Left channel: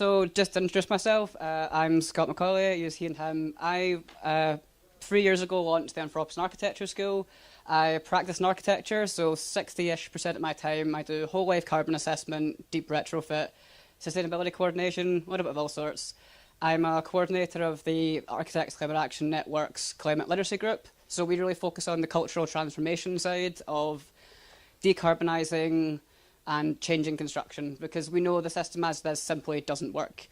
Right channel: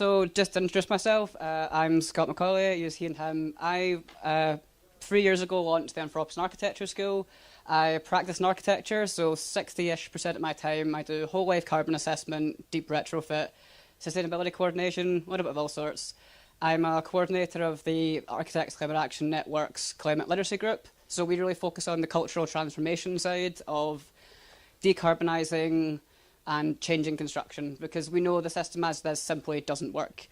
So just to introduce myself, I'm Scott McAulay, use he and him. I, 3 years ago, launched the Anthropocene Architecture School. I practice in architecture, so 60-ish% of my time I do whole life carbon assessment, deep retrofit, sustainability coordination, a little bit of all sorts. I'm a coordinator of the Architects Climate Action Network's Climate Literacy Group, so we really focus on the cultural transformation side of decarbonising and changing construction, because we know the system as this simply doesn't work.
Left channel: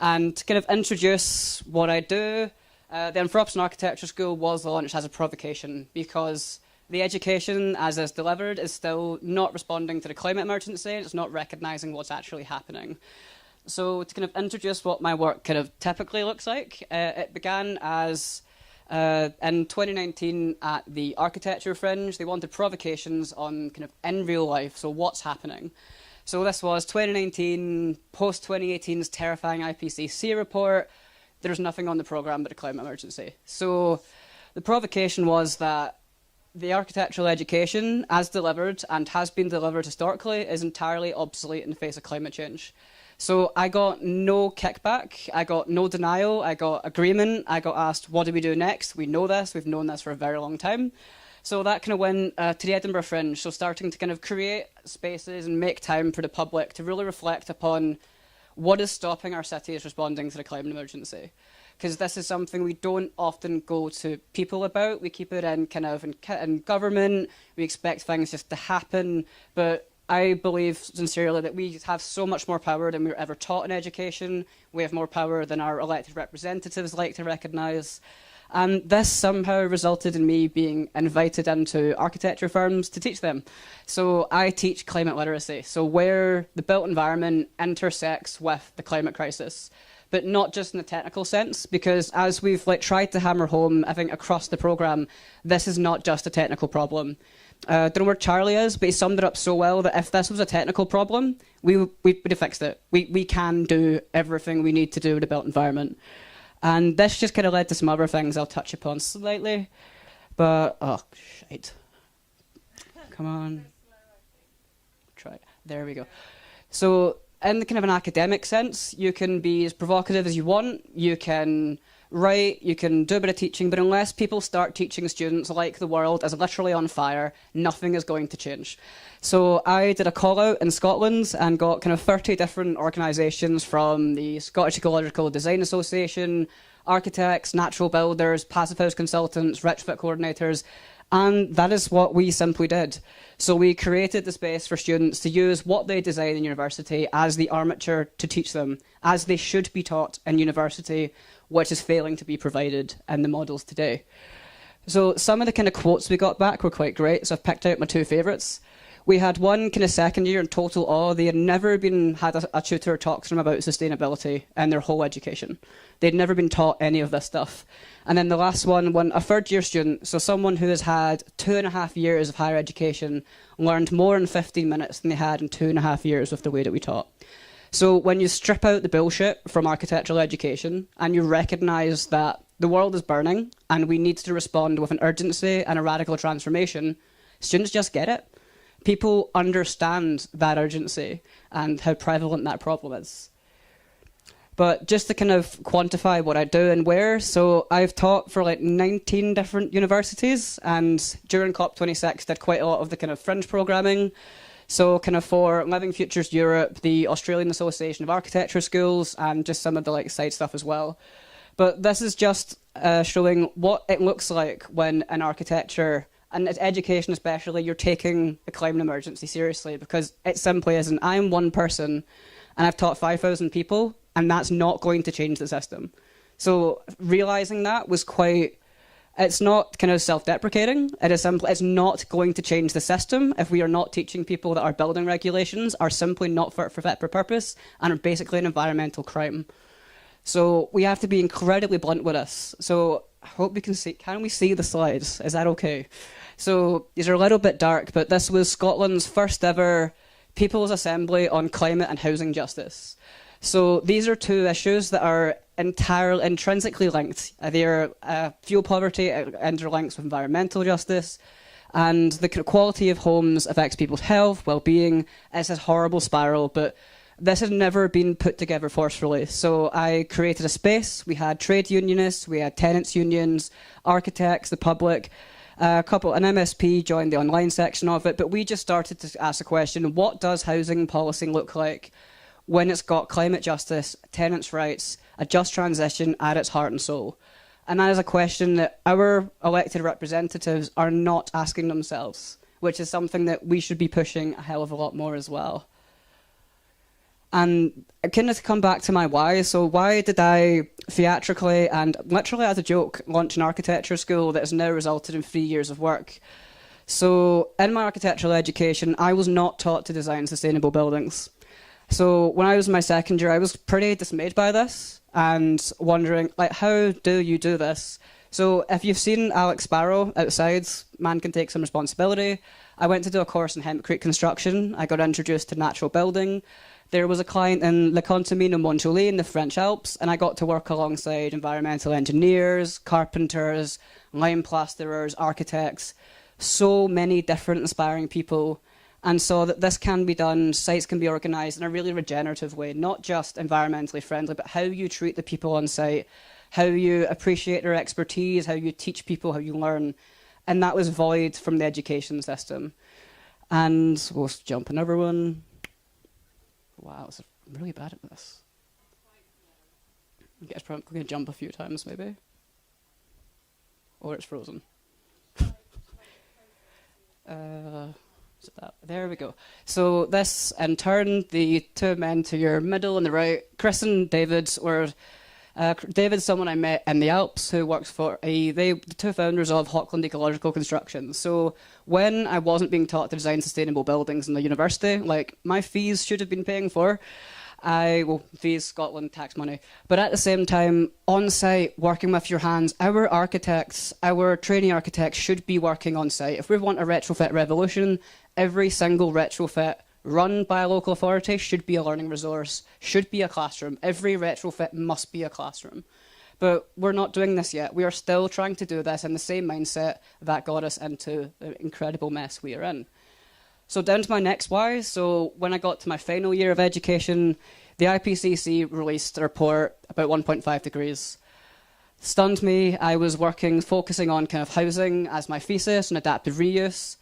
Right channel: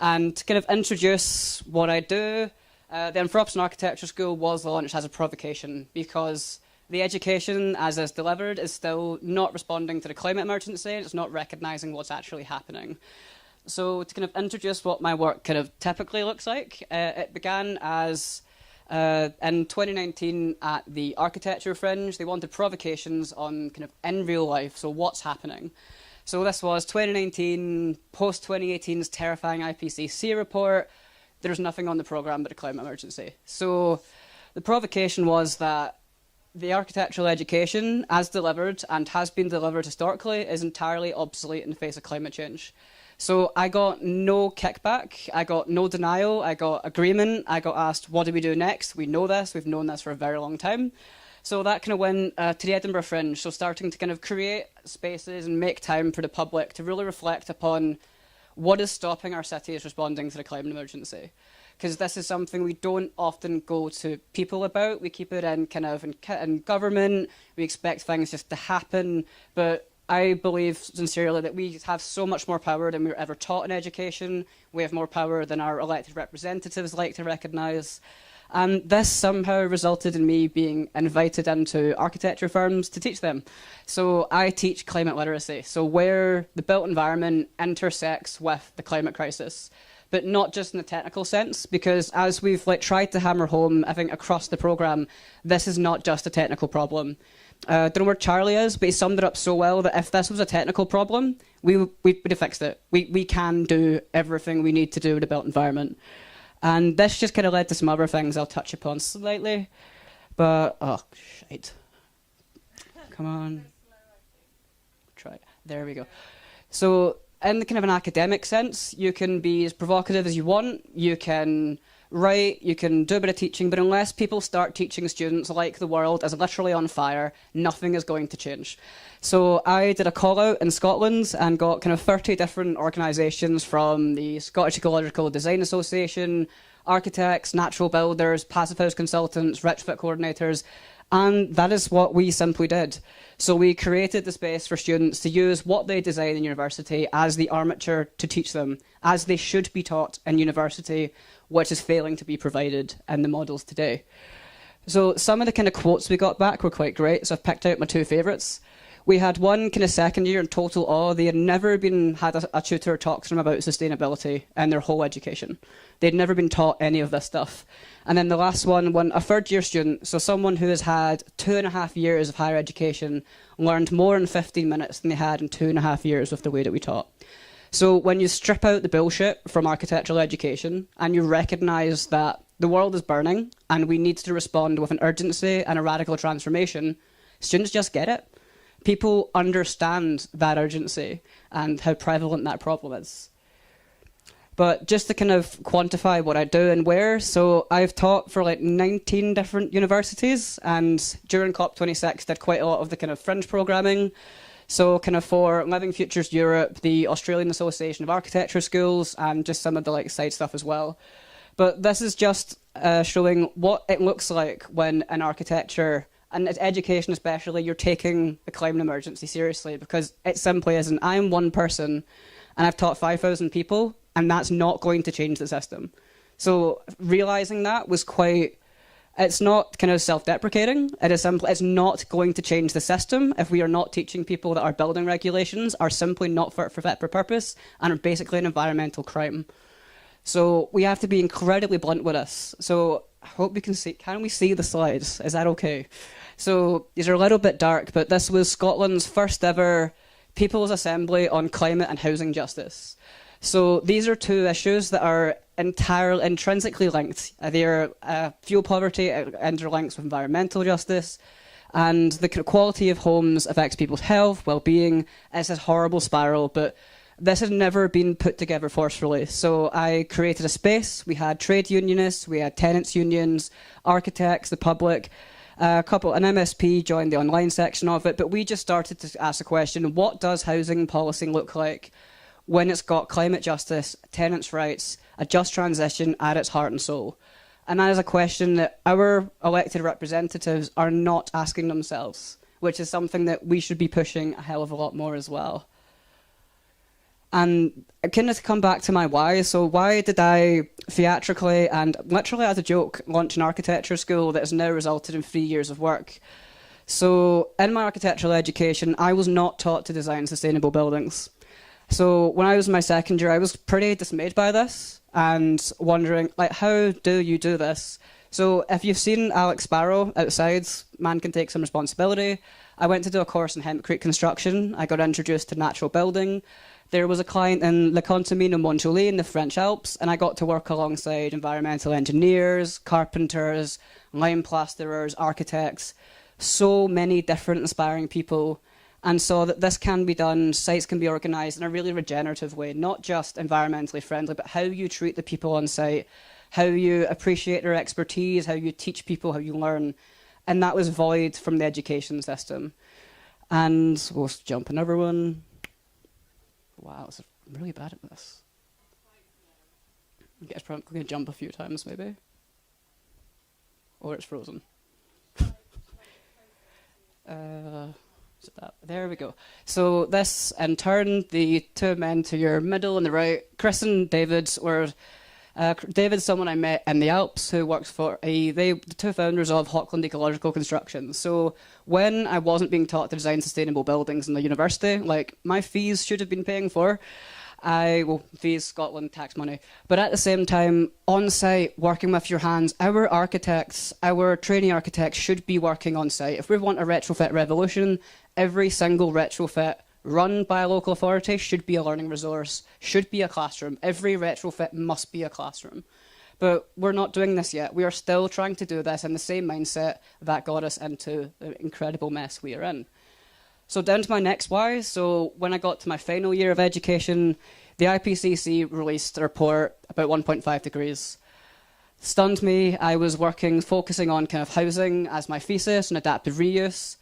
And to kind of introduce what I do, the Anthropocene Architecture School was launched as a provocation because the education as is delivered is still not responding to the climate emergency. It's not recognising what's actually happening. So to kind of introduce what my work kind of typically looks like, it began as in 2019 at the Architecture Fringe. They wanted provocations on kind of in real life, so what's happening. So this was 2019, post 2018's terrifying IPCC report. There's nothing on the programme but a climate emergency. So the provocation was that the architectural education, as delivered and has been delivered historically, is entirely obsolete in the face of climate change. So I got no kickback, I got no denial, I got agreement, I got asked, what do we do next? We know this, we've known this for a very long time. So that kind of went to the Edinburgh Fringe, so starting to kind of create spaces and make time for the public to really reflect upon what is stopping our cities responding to the climate emergency. Because this is something we don't often go to people about. We keep it in kind of in government, we expect things just to happen, but I believe sincerely that we have so much more power than we were ever taught in education. We have more power than our elected representatives like to recognise. And this somehow resulted in me being invited into architecture firms to teach them. So I teach climate literacy, so where the built environment intersects with the climate crisis. But not just in the technical sense, because as we've tried to hammer home, I think across the programme, this is not just a technical problem. I don't know where Charlie is, but he summed it up so well that if this was a technical problem, we would have fixed it. We can do everything we need to do with the built environment. And this just kind of led to some other things I'll touch upon slightly. But, oh, shite. Come on. Try it. There we go. So, in the kind of an academic sense, you can be as provocative as you want. You can write, you can do a bit of teaching, but unless people start teaching students like the world is literally on fire, nothing is going to change. So I did a call out in Scotland and got kind of 30 different organisations from the Scottish Ecological Design Association, architects, natural builders, passive house consultants, retrofit coordinators, and that is what we simply did. So we created the space for students to use what they design in university as the armature to teach them, as they should be taught in university, which is failing to be provided in the models today. So some of the kind of quotes we got back were quite great, so I've picked out my two favourites. We had one kind of second year in total awe. They had never had a tutor talk to them about sustainability in their whole education. They'd never been taught any of this stuff. And then the last one, when a third year student, so someone who has had 2.5 years of higher education, learned more in 15 minutes than they had in 2.5 years with the way that we taught. So when you strip out the bullshit from architectural education and you recognise that the world is burning and we need to respond with an urgency and a radical transformation, students just get it. People understand that urgency and how prevalent that problem is. But just to kind of quantify what I do and where, so I've taught for 19 different universities, and during COP26 did quite a lot of the kind of fringe programming. So kind of for Living Futures Europe, the Australian Association of Architecture Schools, and just some of the side stuff as well. But this is just showing what it looks like when in architecture, and education especially, you're taking a climate emergency seriously, because it simply isn't. I'm one person, and I've taught 5,000 people, and that's not going to change the system. So realising that was quite... It's not kind of self-deprecating. It is simply, it's not going to change the system if we are not teaching people that our building regulations are simply not fit for purpose and are basically an environmental crime. So we have to be incredibly blunt with this. So I hope we can see, can we see the slides? Is that okay? So these are a little bit dark, but this was Scotland's first ever People's Assembly on climate and housing justice. So these are two issues that are entirely intrinsically linked. They are fuel poverty interlinks with environmental justice, and the quality of homes affects people's health, well-being. It's a horrible spiral, but This had never been put together forcefully. So I created a space. We had trade unionists, we had tenants unions, architects, the public, an MSP joined the online section of it, but we just started to ask the question, what does housing policy look like when it's got climate justice, tenants' rights, a just transition at its heart and soul? And that is a question that our elected representatives are not asking themselves, which is something that we should be pushing a hell of a lot more as well. And kind of to come back to my why, so why did I theatrically and literally as a joke launch an architecture school that has now resulted in 3 years of work? So in my architectural education, I was not taught to design sustainable buildings. So when I was in my second year, I was pretty dismayed by this and wondering, like, how do you do this? So if you've seen Alex Sparrow outside, Man Can Take Some Responsibility, I went to do a course in hempcrete construction. I got introduced to natural building. There was a client in Le Contamine in McAulay in the French Alps, and I got to work alongside environmental engineers, carpenters, lime plasterers, architects, so many different inspiring people, and saw that this can be done, sites can be organised in a really regenerative way, not just environmentally friendly, but how you treat the people on site, how you appreciate their expertise, how you teach people, how you learn, and that was void from the education system. And we'll jump another one. Wow, I'm really bad at this. I guess probably going to jump a few times, maybe. Or it's frozen. Is it that? There we go. So this, in turn, the two men to your middle and the right, Chris and David were... David's someone I met in the Alps who works for the two founders of Hockland Ecological Construction. So when I wasn't being taught to design sustainable buildings in the university, like my fees should have been paying for, fees, Scotland, tax money. But at the same time, on site, working with your hands, our architects, our trainee architects should be working on site. If we want a retrofit revolution, every single retrofit run by a local authority should be a learning resource, should be a classroom. Every retrofit must be a classroom. But we're not doing this yet. We are still trying to do this in the same mindset that got us into the incredible mess we are in. So down to my next why. So when I got to my final year of education, the IPCC released a report about 1.5 degrees. Stunned me. I was focusing on kind of housing as my thesis and adaptive reuse.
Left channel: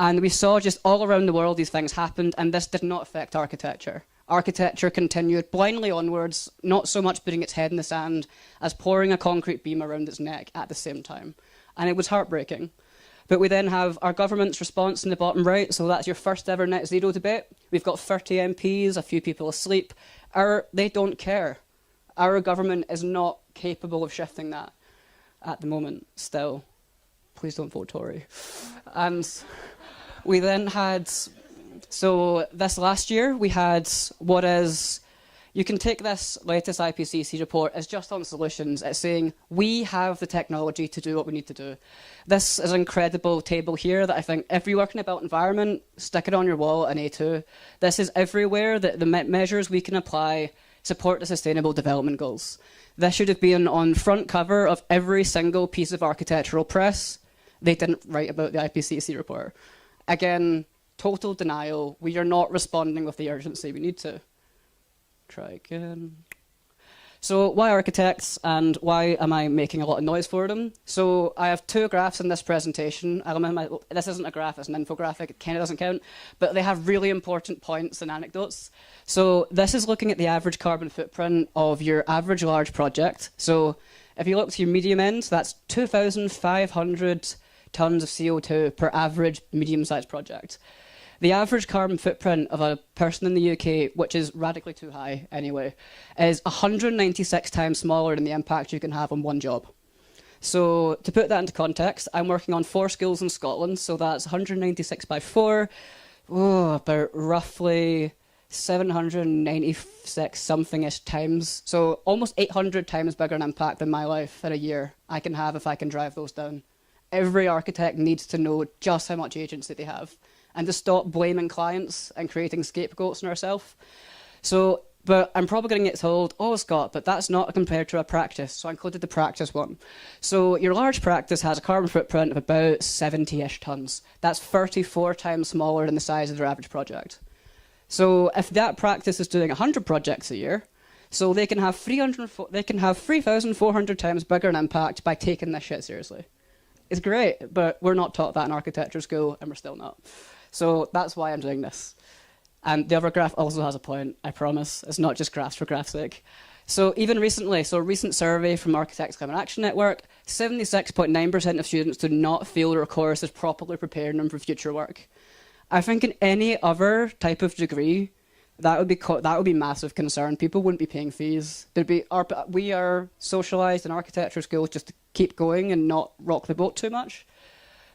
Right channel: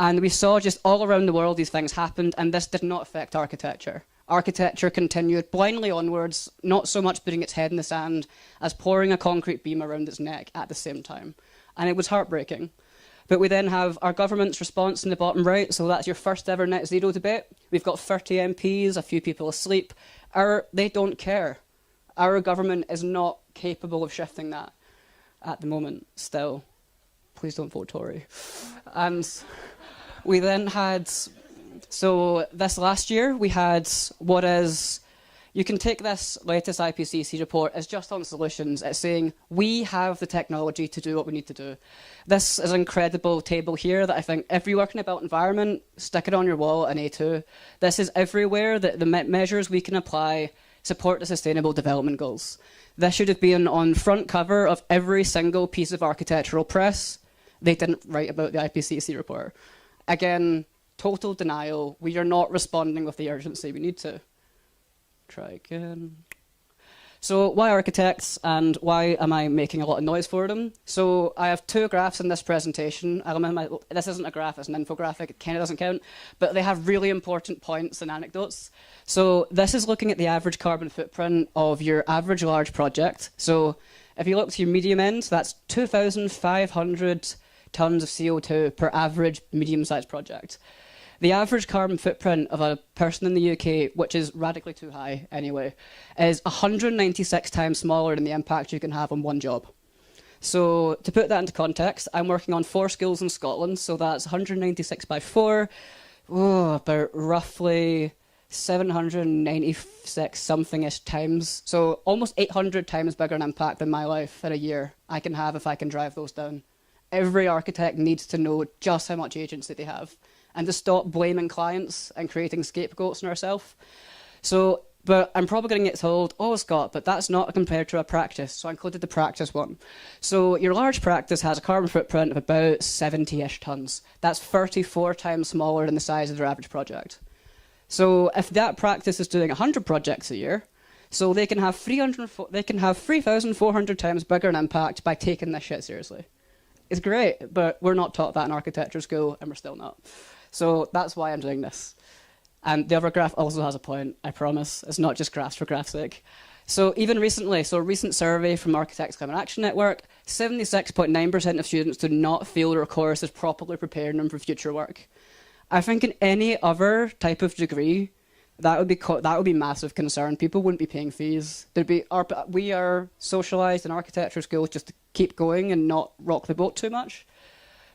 And we saw just all around the world these things happened, and this did not affect architecture. Architecture continued blindly onwards, not so much putting its head in the sand as pouring a concrete beam around its neck at the same time. And it was heartbreaking. But we then have our government's response in the bottom right, so that's your first ever net zero debate. We've got 30 MPs, a few people asleep. They don't care. Our government is not capable of shifting that at the moment, still. Please don't vote Tory. And we then had, so this last year, we had what is, you can take this latest IPCC report as just on solutions. It's saying, we have the technology to do what we need to do. This is an incredible table here that I think if you're working in a built environment, stick it on your wall in A2. This is everywhere that the measures we can apply support the Sustainable Development Goals. This should have been on front cover of every single piece of architectural press. They didn't write about the IPCC report. Again, total denial. We are not responding with the urgency we need to. Try again. So why architects and why am I making a lot of noise for them? So I have two graphs in this presentation. This isn't a graph, it's an infographic. It kind of doesn't count, but they have really important points and anecdotes. So this is looking at the average carbon footprint of your average large project. So if you look to your medium end, that's 2,500 tons of CO2 per average medium-sized project. The average carbon footprint of a person in the UK, which is radically too high anyway, is 196 times smaller than the impact you can have on one job. So to put that into context, I'm working on 4 schools in Scotland, so that's 196 by 4, about roughly 796 something-ish times. So almost 800 times bigger an impact than my life in a year I can have if I can drive those down. Every architect needs to know just how much agency they have and to stop blaming clients and creating scapegoats in ourselves. So, but I'm probably going to get told, oh, Scott, but that's not compared to a practice. So I included the practice one. So your large practice has a carbon footprint of about 70-ish tons. That's 34 times smaller than the size of their average project. So if that practice is doing 100 projects a year, so they can have 3,400 times bigger an impact by taking this shit seriously. It's great, but we're not taught that in architecture school, and we're still not. So that's why I'm doing this. And the other graph also has a point, I promise. It's not just graphs for graph's sake. So even recently, a recent survey from Architects Climate Action Network, 76.9% of students do not feel their course is properly preparing them for future work. I think in any other type of degree, that would be massive concern. People wouldn't be paying fees. We are socialised in architecture schools just to keep going and not rock the boat too much.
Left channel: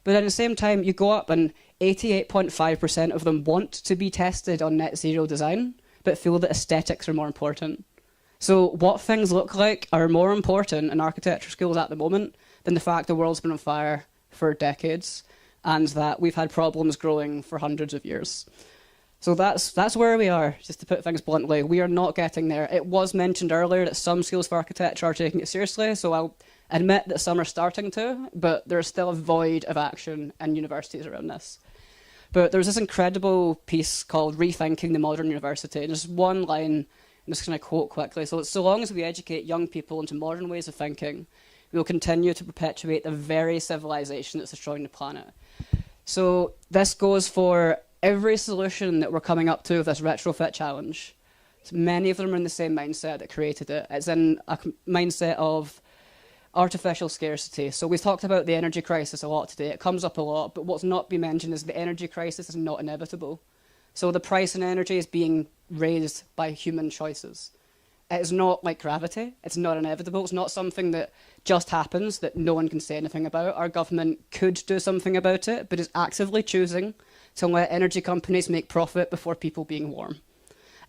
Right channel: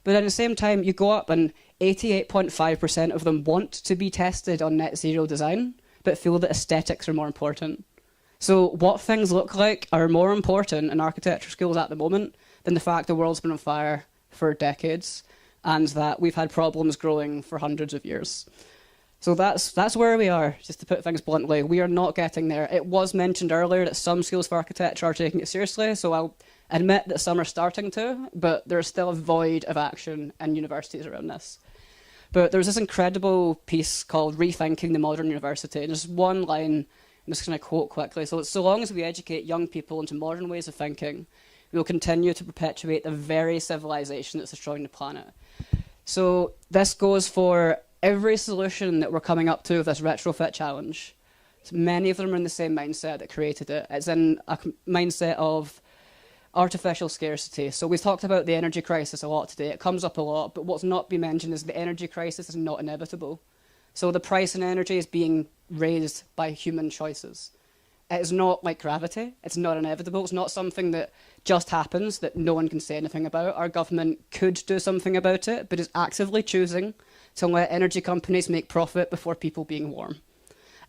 But at the same time, you go up and 88.5% of them want to be tested on net zero design, but feel that aesthetics are more important. So what things look like are more important in architecture schools at the moment than the fact the world's been on fire for decades and that we've had problems growing for hundreds of years. So that's where we are, just to put things bluntly. We are not getting there. It was mentioned earlier that some schools for architecture are taking it seriously, so I'll admit that some are starting to, but there's still a void of action in universities around this. But there's this incredible piece called Rethinking the Modern University, and there's one line I'm just going to quote quickly. So long as we educate young people into modern ways of thinking, we will continue to perpetuate the very civilization that's destroying the planet. So this goes for every solution that we're coming up to with this retrofit challenge. So many of them are in the same mindset that created it. It's in a mindset of artificial scarcity. So we've talked about the energy crisis a lot today. It comes up a lot, but what's not been mentioned is the energy crisis is not inevitable. So the price in energy is being raised by human choices. It is not like gravity. It's not inevitable. It's not something that just happens that no one can say anything about. Our government could do something about it, but is actively choosing to let energy companies make profit before people being warm.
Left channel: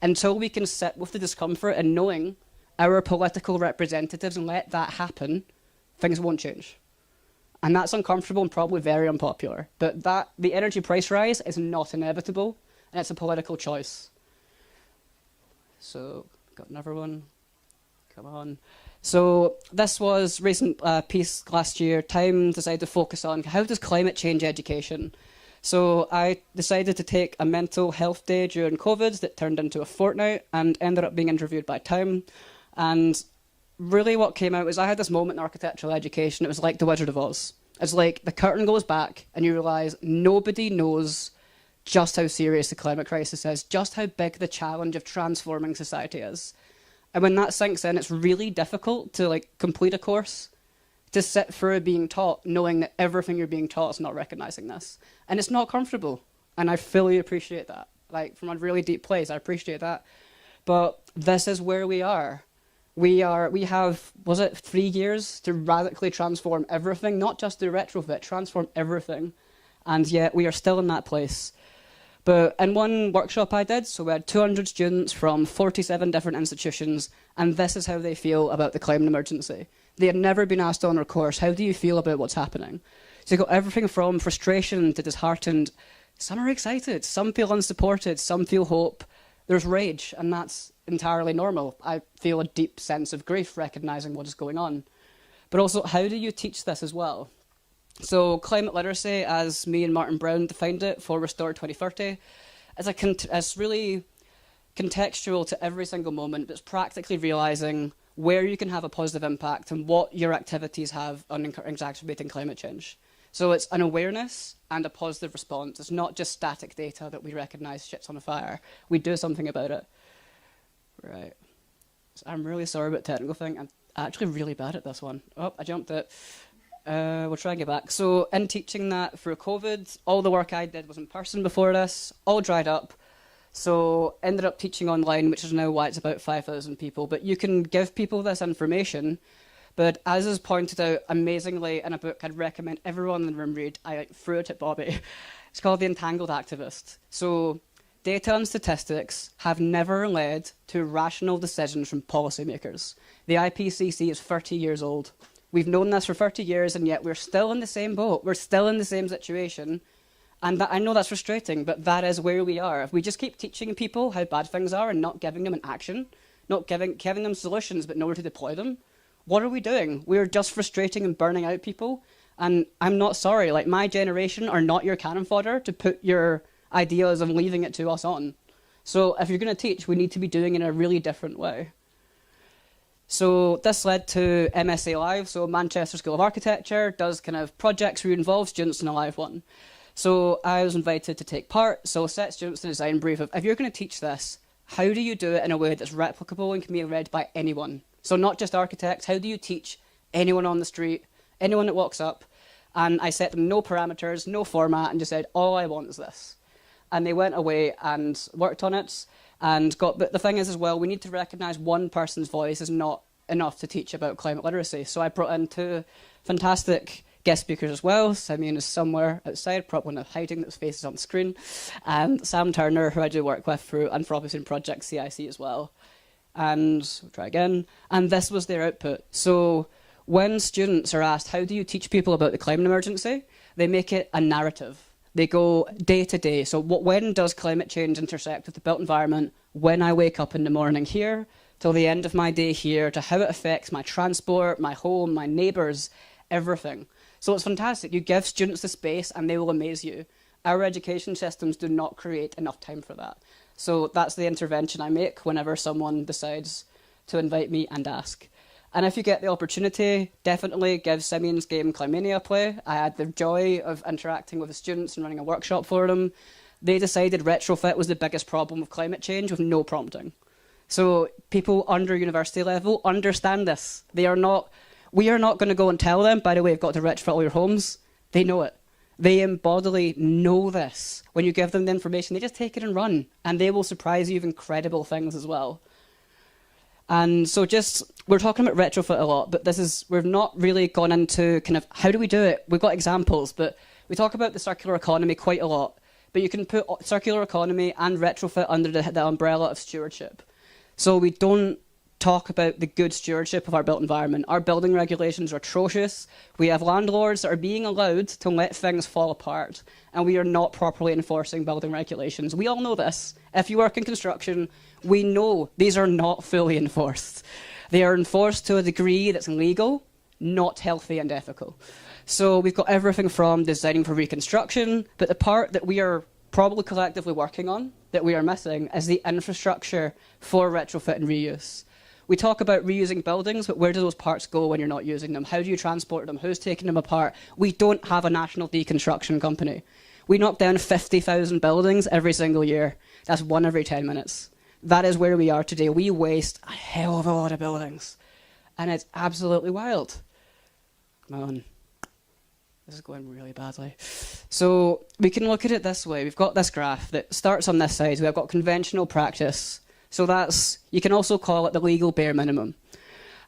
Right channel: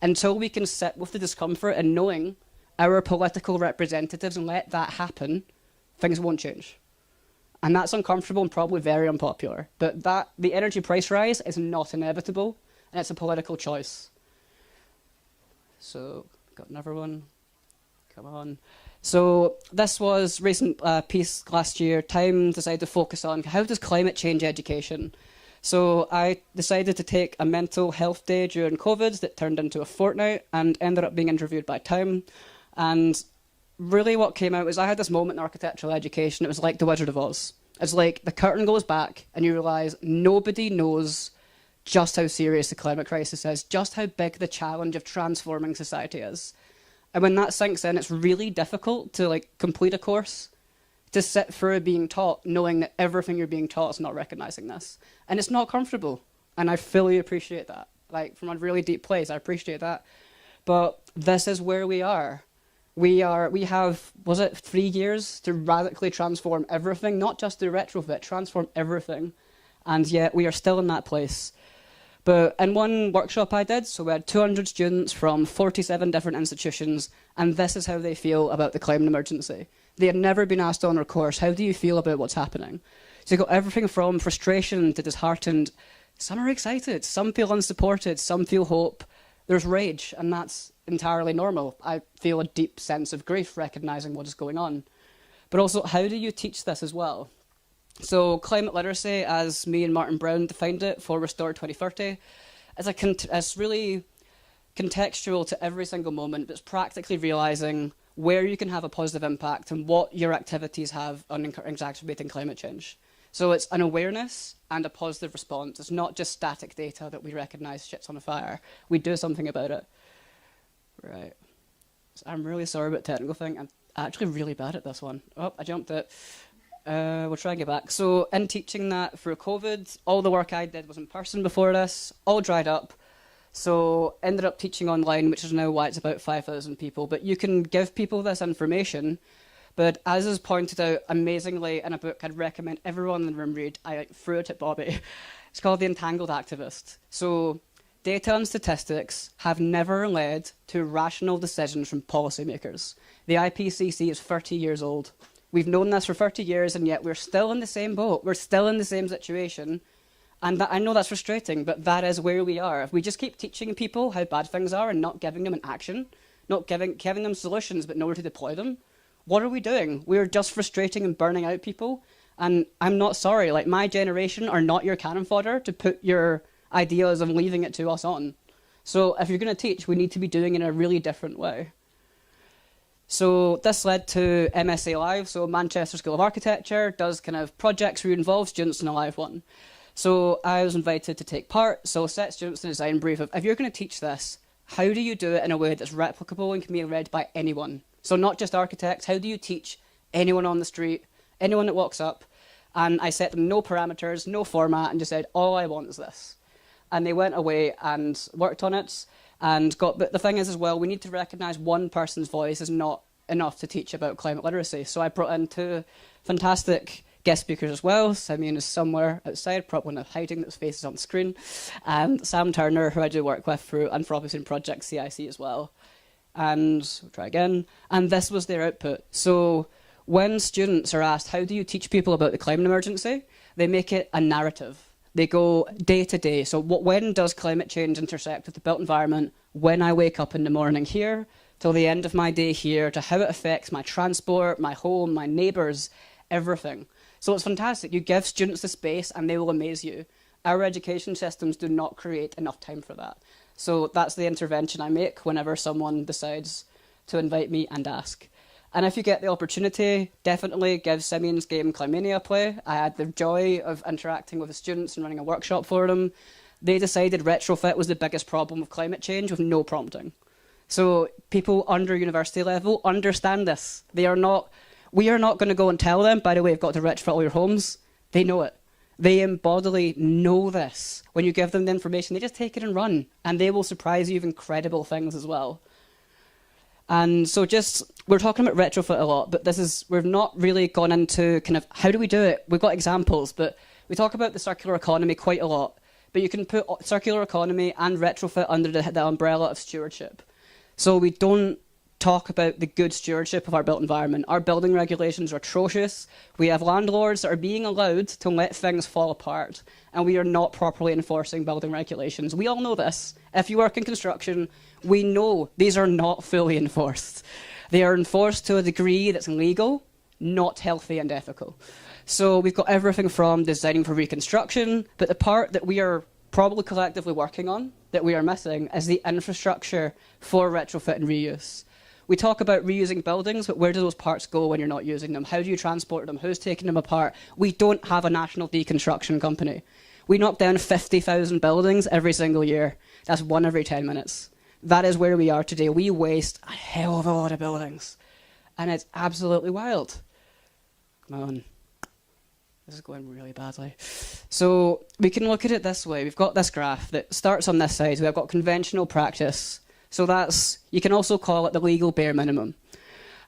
Until we can sit with the discomfort and knowing our political representatives and let that happen, things won't change. And that's uncomfortable and probably very unpopular. But the energy price rise is not inevitable, and it's a political choice. So, got another one. Come on. So this was a recent piece last year. Time decided to focus on how does climate change education. So I decided to take a mental health day during COVID that turned into a fortnight and ended up being interviewed by Time. And really what came out was I had this moment in architectural education. It was like the Wizard of Oz. It's like the curtain goes back and you realise nobody knows just how serious the climate crisis is, just how big the challenge of transforming society is. And when that sinks in, it's really difficult to complete a course, to sit through being taught, knowing that everything you're being taught is not recognising this. And it's not comfortable. And I fully appreciate that. From a really deep place, I appreciate that. But this is where we are. We have, 3 years to radically transform everything, not just do retrofit, transform everything. And yet we are still in that place. But in one workshop I did, so we had 200 students from 47 different institutions, and this is how they feel about the climate emergency. They had never been asked on our course, how do you feel about what's happening? So you've got everything from frustration to disheartened. Some are excited, some feel unsupported, some feel hope. There's rage, and that's entirely normal. I feel a deep sense of grief recognising what is going on. But also, how do you teach this as well? So climate literacy, as me and Martin Brown defined it for Restore 2030, is really contextual to every single moment. It's practically realising where you can have a positive impact and what your activities have on exacerbating climate change. So it's an awareness and a positive response. It's not just static data that we recognise shit's on fire. We do something about it. Right. So I'm really sorry about the technical thing. I'm actually really bad at this one. Oh, I jumped it. We'll try and get back. So in teaching that through COVID, all the work I did was in person before this, all dried up. So ended up teaching online, which is now why it's about 5,000 people. But you can give people this information. But as is pointed out amazingly in a book I'd recommend everyone in the room read, I threw it at Bobby. It's called The Entangled Activist. So data and statistics have never led to rational decisions from policymakers. The IPCC is 30 years old. We've known this for 30 years, and yet we're still in the same boat. We're still in the same situation. And I know that's frustrating, but that is where we are. If we just keep teaching people how bad things are and not giving them an action, not giving them solutions but nowhere to deploy them, what are we doing? We're just frustrating and burning out people. And I'm not sorry. My generation are not your cannon fodder to put your ideas and leaving it to us on. So if you're going to teach, we need to be doing it in a really different way. So this led to MSA Live. So Manchester School of Architecture does kind of projects where you involve students in a live one. So I was invited to take part. So set students the design brief of, if you're going to teach this, how do you do it in a way that's replicable and can be read by anyone? So not just architects, how do you teach anyone on the street, anyone that walks up? And I set them no parameters, no format, and just said, all I want is this. And they went away and worked on it. But the thing is as well, we need to recognise one person's voice is not enough to teach about climate literacy. So I brought in two fantastic guest speakers as well. Simeon is somewhere outside, probably not hiding, his face is on the screen. And Sam Turner, who I do work with through Anthropocene Project CIC as well. And we'll try again. And this was their output. So when students are asked, how do you teach people about the climate emergency? They make it a narrative. They go day to day. So when does climate change intersect with the built environment? When I wake up in the morning here, till the end of my day here, to how it affects my transport, my home, my neighbours, everything. So it's fantastic. You give students the space and they will amaze you. Our education systems do not create enough time for that. So that's the intervention I make whenever someone decides to invite me and ask. And if you get the opportunity, definitely give Simeon's game Climania a play. I had the joy of interacting with the students and running a workshop for them. They decided retrofit was the biggest problem of climate change with no prompting. So people under university level understand this. We are not going to go and tell them, by the way, you've got to retrofit all your homes. They know it. They embodily know this. When you give them the information, they just take it and run. And they will surprise you with incredible things as well. And so we're talking about retrofit a lot, but we've not really gone into kind of, how do we do it? We've got examples, but we talk about the circular economy quite a lot. But you can put circular economy and retrofit under the umbrella of stewardship. So we don't talk about the good stewardship of our built environment. Our building regulations are atrocious. We have landlords that are being allowed to let things fall apart, and we are not properly enforcing building regulations. We all know this. If you work in construction, we know these are not fully enforced. They are enforced to a degree that's legal, not healthy and ethical. So we've got everything from designing for reconstruction, but the part that we are probably collectively working on that we are missing is the infrastructure for retrofit and reuse. We talk about reusing buildings, but where do those parts go when you're not using them? How do you transport them? Who's taking them apart? We don't have a national deconstruction company. We knock down 50,000 buildings every single year. That's one every 10 minutes. That is where we are today. We waste a hell of a lot of buildings. And it's absolutely wild. Come on. This is going really badly. So we can look at it this way. We've got this graph that starts on this side. We've got conventional practice. So you can also call it the legal bare minimum.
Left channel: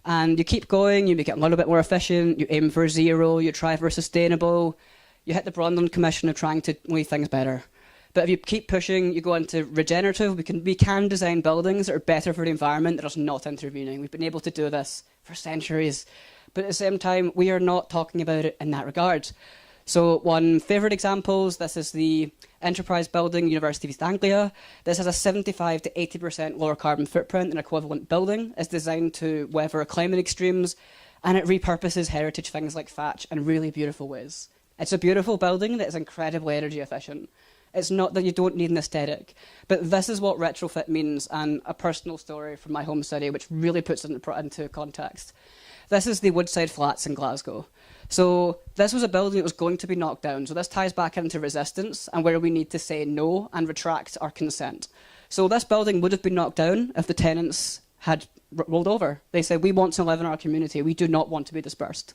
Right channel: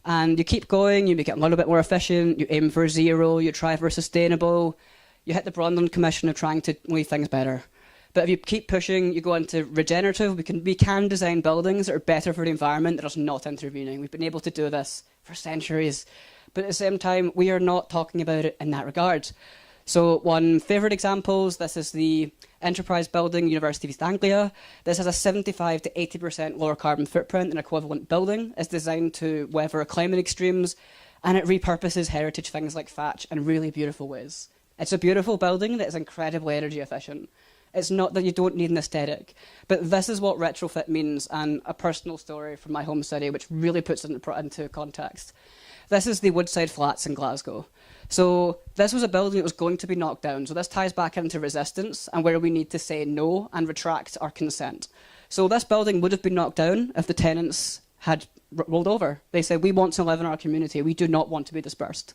And you keep going, you make it a little bit more efficient, you aim for zero, you try for sustainable, you hit the Brundtland Commission of trying to leave things better. But if you keep pushing, you go into regenerative. We can design buildings that are better for the environment, that are not intervening. We've been able to do this for centuries. But at the same time, we are not talking about it in that regard. So one favourite examples, this is the Enterprise Building, University of East Anglia. This has a 75 to 80% lower carbon footprint than equivalent building. It's designed to weather climate extremes, and it repurposes heritage things like thatch in really beautiful ways. It's a beautiful building that is incredibly energy efficient. It's not that you don't need an aesthetic, but this is what retrofit means, and a personal story from my home city which really puts it into context. This is the Woodside flats in Glasgow. So this was a building that was going to be knocked down. So this ties back into resistance and where we need to say no and retract our consent. So this building would have been knocked down if the tenants had rolled over. They said, we want to live in our community. We do not want to be dispersed.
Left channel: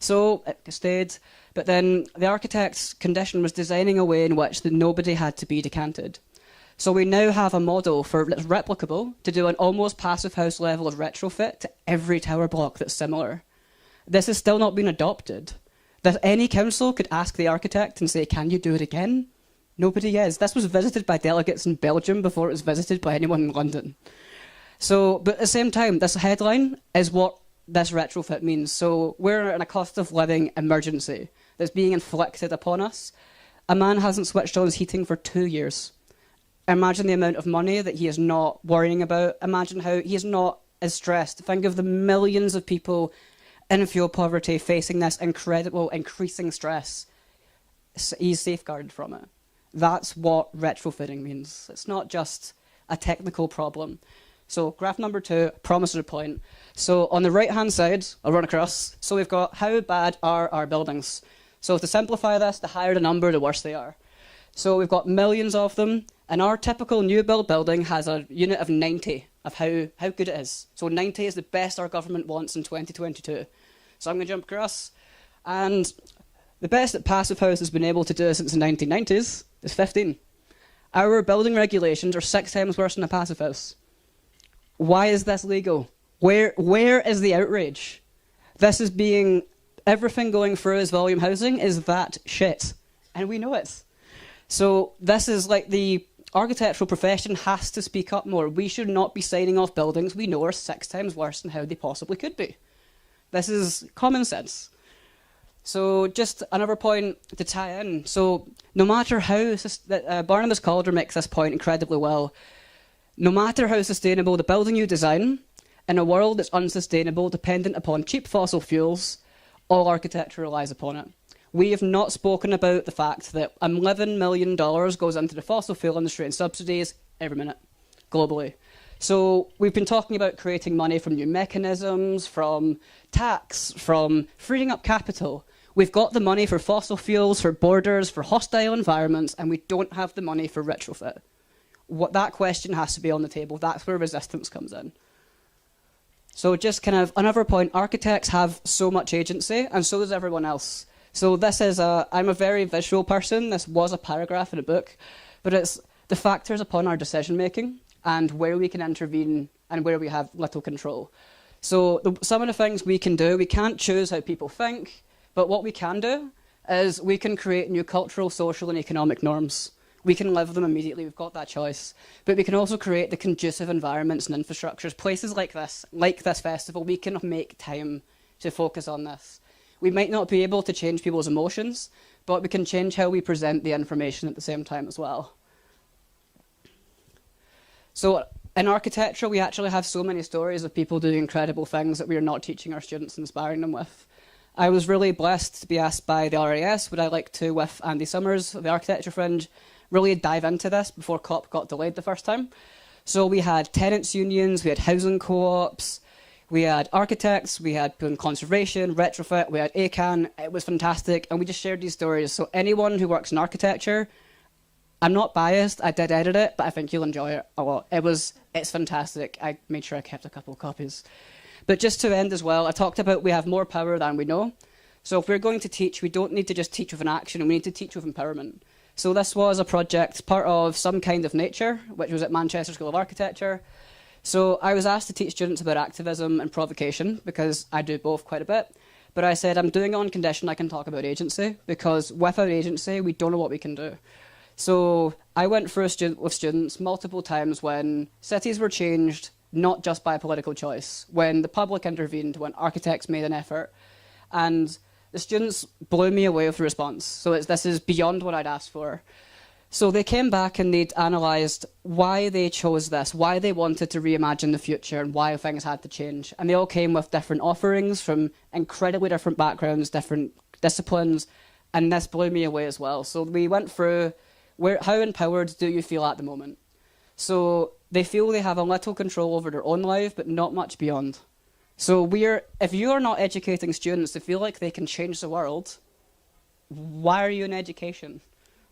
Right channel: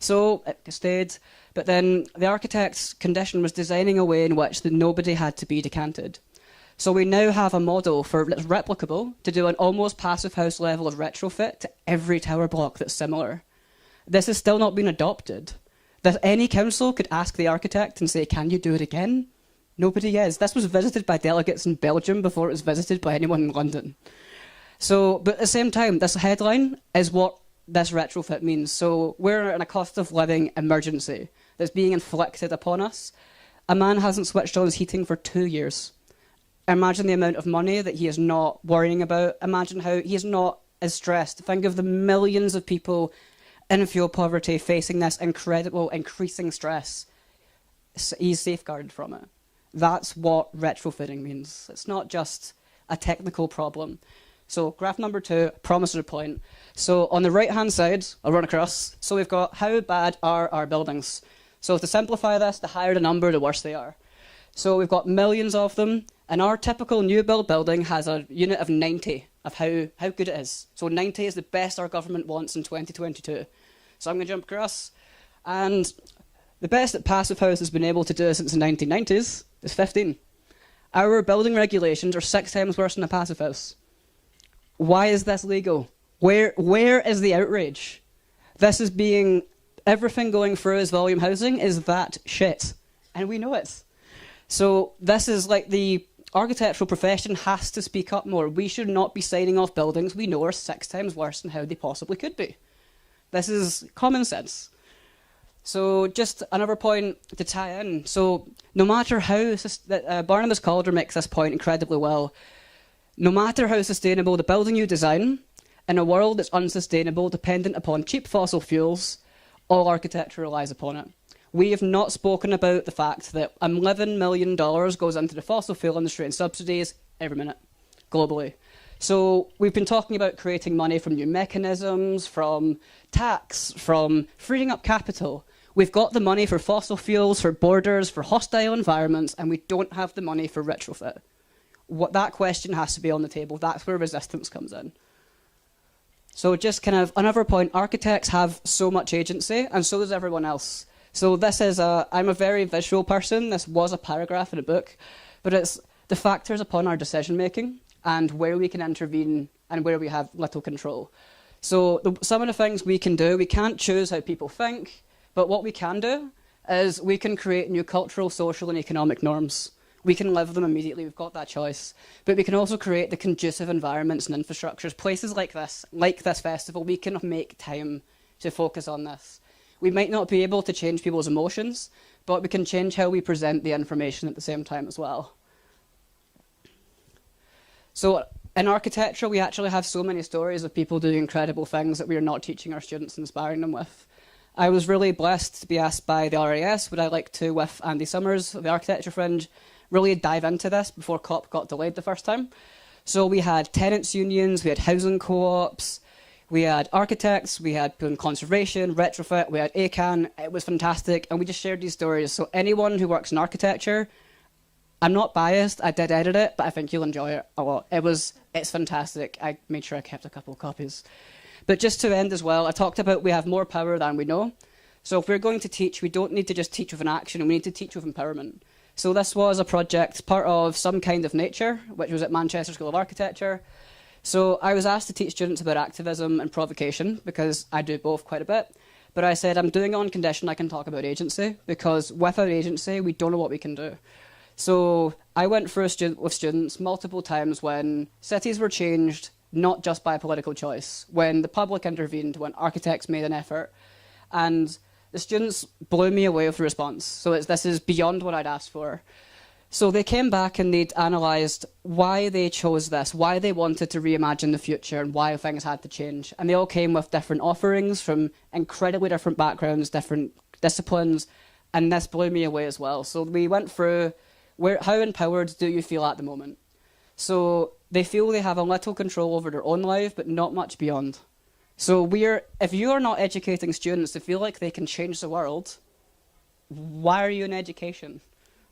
So it stayed. But then the architect's condition was designing a way in which nobody had to be decanted. So we now have a model that's replicable to do an almost passive house level of retrofit to every tower block that's similar. This has still not been adopted. That any council could ask the architect and say, can you do it again? Nobody is. This was visited by delegates in Belgium before it was visited by anyone in London. So, but at the same time, this headline is what this retrofit means. So we're in a cost of living emergency that's being inflicted upon us. A man hasn't switched on his heating for 2 years. Imagine the amount of money that he is not worrying about. Imagine how he is not as stressed. Think of the millions of people in fuel poverty facing this incredible increasing stress. He's safeguarded from it. That's what retrofitting means. It's not just a technical problem. So graph number 2, promissory point. So on the right-hand side, I'll run across. So we've got how bad are our buildings. So to simplify this, the higher the number, the worse they are. So we've got millions of them, and our typical new build building has a unit of 90 of how good it is. So 90 is the best our government wants in 2022. So I'm going to jump across. And the best that Passive House has been able to do since the 1990s is 15. Our building regulations are 6 times worse than a Passive House. Why is this legal? Where is the outrage? This is being, everything going through as volume housing is that shit. And we know it. So this is like the architectural profession has to speak up more. We should not be signing off buildings we know are 6 times worse than how they possibly could be. This is common sense. So just another point to tie in. So no matter how, Barnabas Calder makes this point incredibly well, no matter how sustainable the building you design, in a world that's unsustainable, dependent upon cheap fossil fuels, all architecture relies upon it. We have not spoken about the fact that $11 million goes into the fossil fuel industry and subsidies every minute, globally. So we've been talking about creating money from new mechanisms, from tax, from freeing up capital. We've got the money for fossil fuels, for borders, for hostile environments, and we don't have the money for retrofit. That question has to be on the table. That's where resistance comes in. So just kind of another point, architects have so much agency, and so does everyone else. So this is I'm a very visual person. This was a paragraph in a book, but it's the factors upon our decision making and where we can intervene and where we have little control. So some of the things we can do, we can't choose how people think, but what we can do is we can create new cultural, social and economic norms. We can live them immediately, we've got that choice. But we can also create the conducive environments and infrastructures, places like this festival, we can make time to focus on this. We might not be able to change people's emotions, but we can change how we present the information at the same time as well. So in architecture, we actually have so many stories of people doing incredible things that we are not teaching our students and inspiring them with. I was really blessed to be asked by the RAS, would I like to, with Andy Summers, the Architecture Fringe, really dive into this before COP got delayed the first time. So we had tenants unions, we had housing co-ops, we had architects, we had conservation, retrofit, we had ACAN. It was fantastic, and we just shared these stories. So anyone who works in architecture, I'm not biased, I did edit it, but I think you'll enjoy it a lot. It's fantastic. I made sure I kept a couple of copies. But just to end as well, I talked about we have more power than we know. So if we're going to teach, we don't need to just teach with an action, we need to teach with empowerment. So this was a project, part of Some Kind of Nature, which was at Manchester School of Architecture. So I was asked to teach students about activism and provocation, because I do both quite a bit. But I said I'm doing it on condition I can talk about agency, because without agency, we don't know what we can do. So I went through with students multiple times when cities were changed, not just by political choice, when the public intervened, when architects made an effort. And the students blew me away with the response. So this is beyond what I'd asked for. So they came back and they'd analysed why they chose this, why they wanted to reimagine the future and why things had to change. And they all came with different offerings from incredibly different backgrounds, different disciplines, and this blew me away as well. So we went through how empowered do you feel at the moment? So they feel they have a little control over their own life, but not much beyond. So if you are not educating students to feel like they can change the world, why are you in education?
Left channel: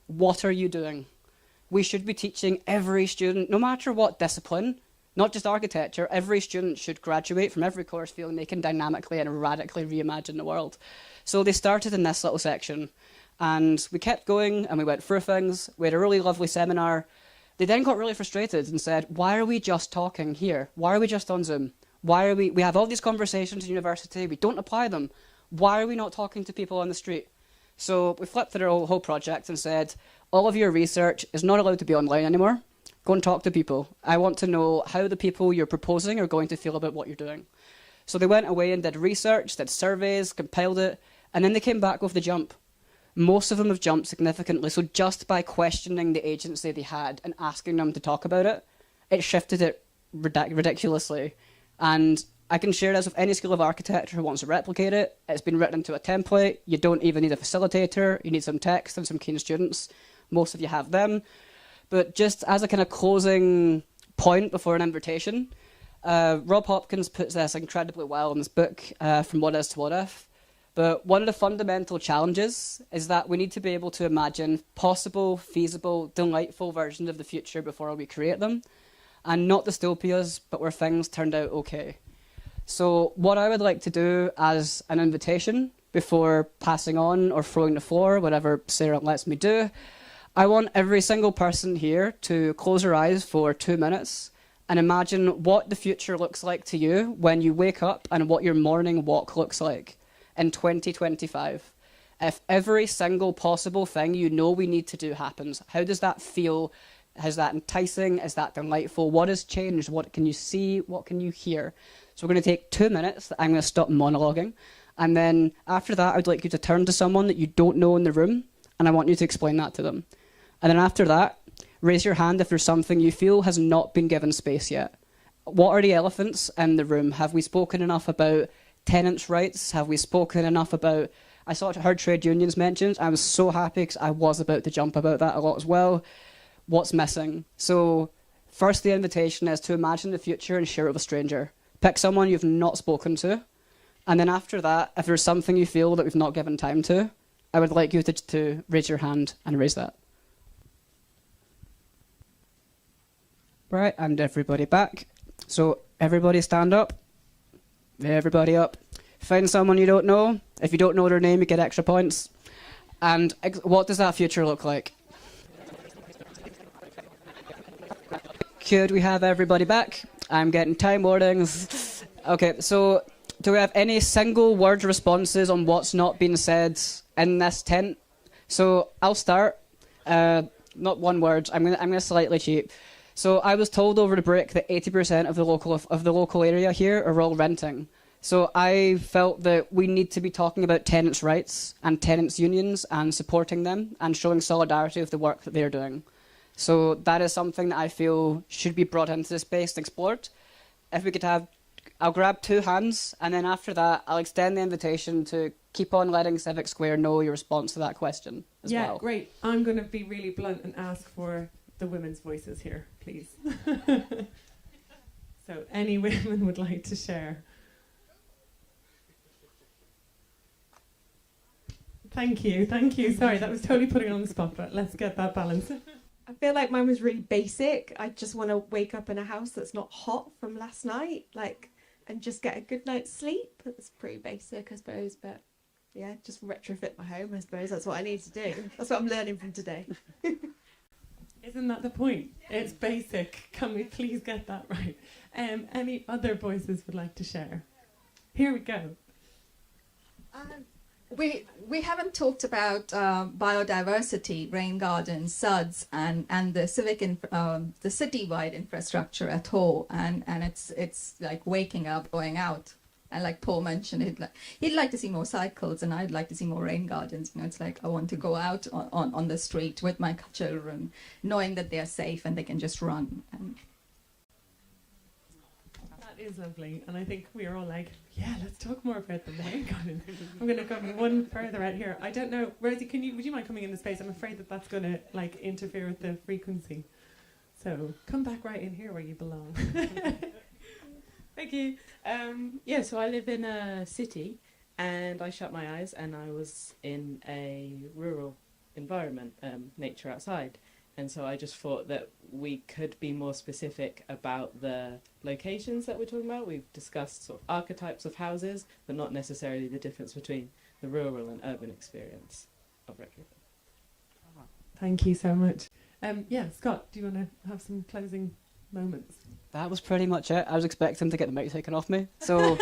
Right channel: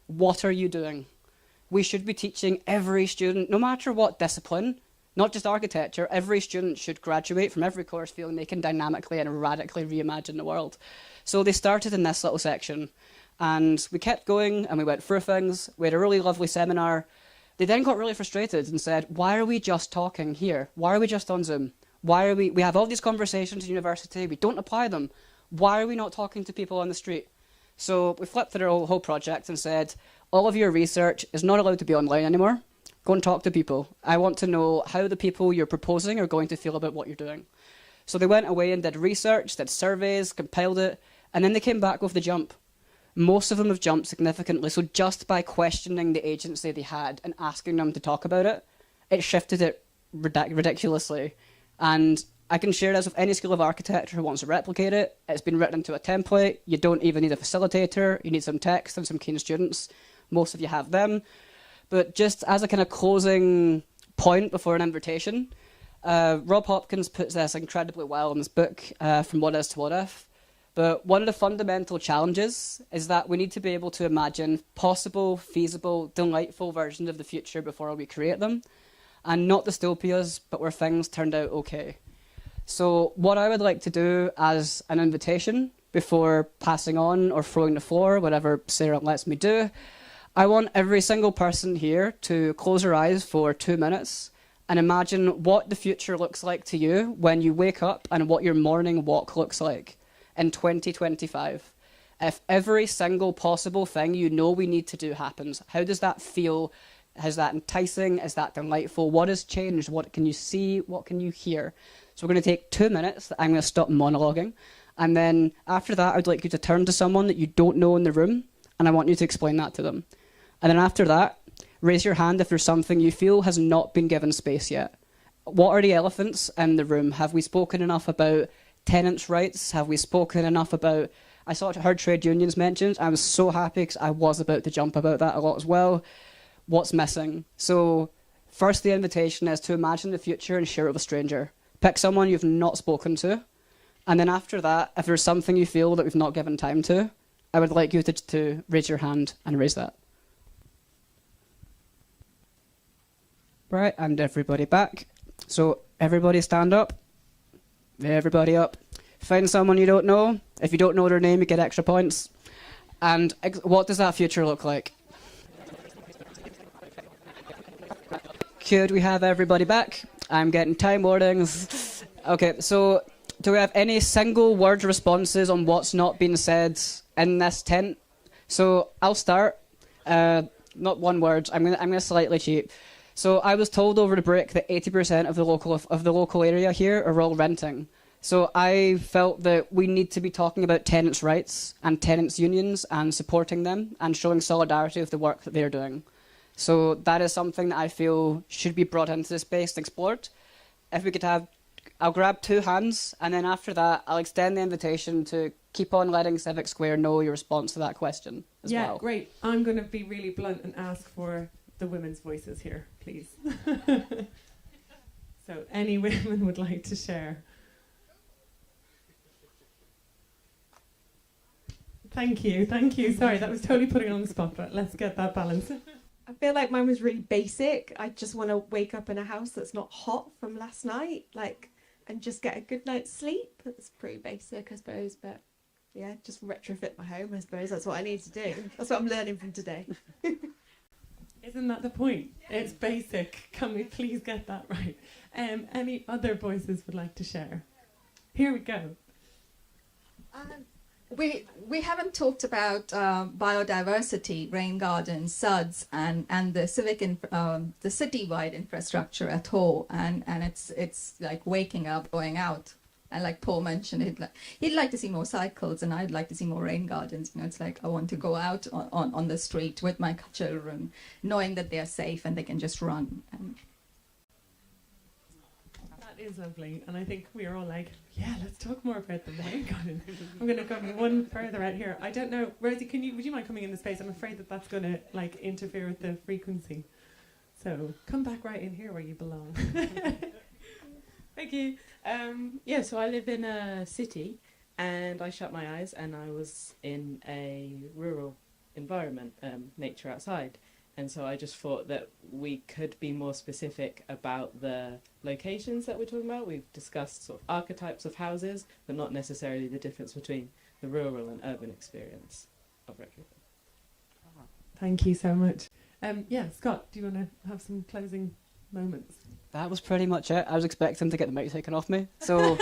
What are you doing? We should be teaching every student, no matter what discipline, not just architecture, every student should graduate from every course feeling they can dynamically and radically reimagine the world. So they started in this little section, and we kept going and we went through things. We had a really lovely seminar. They then got really frustrated and said, why are we just talking here? Why are we just on Zoom? We have all these conversations in university, we don't apply them. Why are we not talking to people on the street? So we flipped through the whole project and said, all of your research is not allowed to be online anymore. Go and talk to people. I want to know how the people you're proposing are going to feel about what you're doing. So they went away and did research, did surveys, compiled it, and then they came back with the jump. Most of them have jumped significantly, so just by questioning the agency they had and asking them to talk about it, it shifted it ridiculously. And I can share this with any School of Architecture who wants to replicate it. It's been written into a template. You don't even need a facilitator. You need some text and some keen students. Most of you have them. But just as a kind of closing point before an invitation. Rob Hopkins puts this incredibly well in his book, From What Is to What If. But one of the fundamental challenges is that we need to be able to imagine possible, feasible, delightful versions of the future before we create them. And not dystopias, but where things turned out okay. So what I would like to do as an invitation before passing on or throwing the floor, whatever Sarah lets me do, I want every single person here to close their eyes for 2 minutes and imagine what the future looks like to you when you wake up and what your morning walk looks like in 2025. If every single possible thing you know we need to do happens, how does that feel? Is that enticing? Is that delightful? What has changed? What can you see? What can you hear? So we're going to take 2 minutes. I'm going to stop monologuing. And then after that, I'd like you to turn to someone that you don't know in the room, and I want you to explain that to them. And then after that, raise your hand if there's something you feel has not been given space yet. What are the elephants in the room? Have we spoken enough about tenants' rights? Have we spoken enough about... I heard trade unions mentioned. I was so happy because I was about to jump about that a lot as well. What's missing? So first, the invitation is to imagine the future and share it with a stranger. Pick someone you've not spoken to. And then after that, if there's something you feel that we've not given time to, I would like you to raise your hand and raise that. Right, and everybody back. So everybody stand up. Everybody up. Find someone you don't know. If you don't know their name, you get extra points. And what does that future look like? Could we have everybody back? I'm getting time warnings. Okay, so do we have any single word responses on what's not been said in this tent? So I'll start. Not one word. I'm gonna slightly cheat. So I was told over the break that 80% of the local area here are all renting. So I felt that we need to be talking about tenants' rights and tenants' unions and supporting them and showing solidarity with the work that they're doing. So that is something that I feel should be brought into this space and explored. If we could have, I'll grab 2 hands, and then after that, I'll extend the invitation to keep on letting Civic Square know your response to that question as well. Yeah, great. I'm going to be really blunt and ask for the women's voices here, please. So any women would like to share? Thank you. Sorry, that was totally putting on the spot, but let's get that balance. I feel like mine was really basic. I just want to wake up in a house that's not hot from last night, and just get a good night's sleep. That's pretty basic, I suppose, but yeah, just retrofit my home, I suppose. That's what I need to do. That's what I'm learning from today. Isn't that the point? It's basic. Can we please get that right? Any other voices would like to share? Here we go. We haven't talked about biodiversity, rain gardens, SUDs, and the civic the citywide infrastructure at all, and it's like waking up, going out, and like Paul mentioned, he'd like to see more cycles, and I'd like to see more rain gardens. It's like I want to go out on the street with my children, knowing that they're safe and they can just run. That is lovely, and I think we are all like, yeah, let's talk more about the rain garden. I'm going to go one further out here. I don't know, Rosie, would you mind coming in the space? I'm afraid that's going to interfere with the frequency. So come back right in here where you belong. Thank you. Yeah, so I live in a city, and I shut my eyes, and I was in a rural environment, nature outside. And so I just thought that we could be more specific about the locations that we're talking about. We've discussed sort of archetypes of houses, but not necessarily the difference between the rural and urban experience of retrofit. Thank you so much. Yeah, Scott, do you want to have some closing moments? That was pretty much it. I was expecting to get the mic taken off me. So,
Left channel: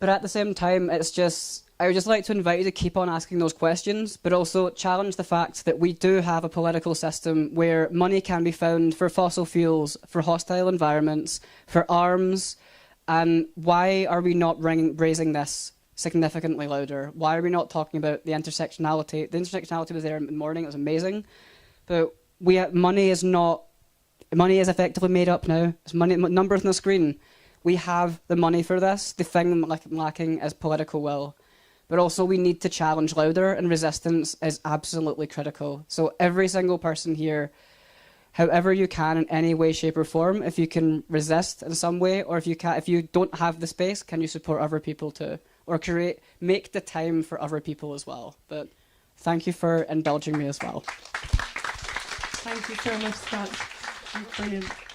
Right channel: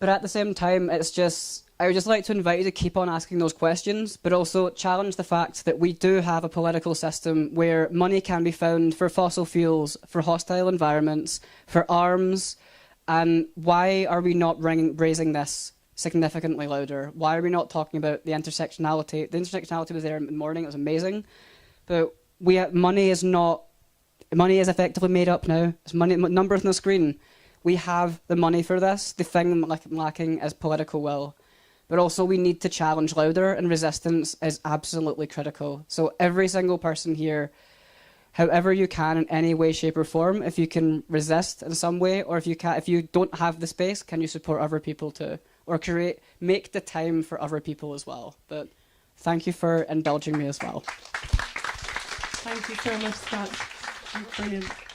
but at the same time, I would just like to invite you to keep on asking those questions, but also challenge the fact that we do have a political system where money can be found for fossil fuels, for hostile environments, for arms, and why are we not raising this significantly louder? Why are we not talking about the intersectionality? The intersectionality was there in the morning, it was amazing, but money is effectively made up now. It's money, numbers on the screen. We have the money for this. The thing lacking is political will. But also we need to challenge louder, and resistance is absolutely critical. So every single person here, however you can in any way, shape or form. If you can resist in some way, or if you don't have the space, can you support other people to, or make the time for other people as well. But thank you for indulging me as well. Thank you so much, Scott. Brilliant.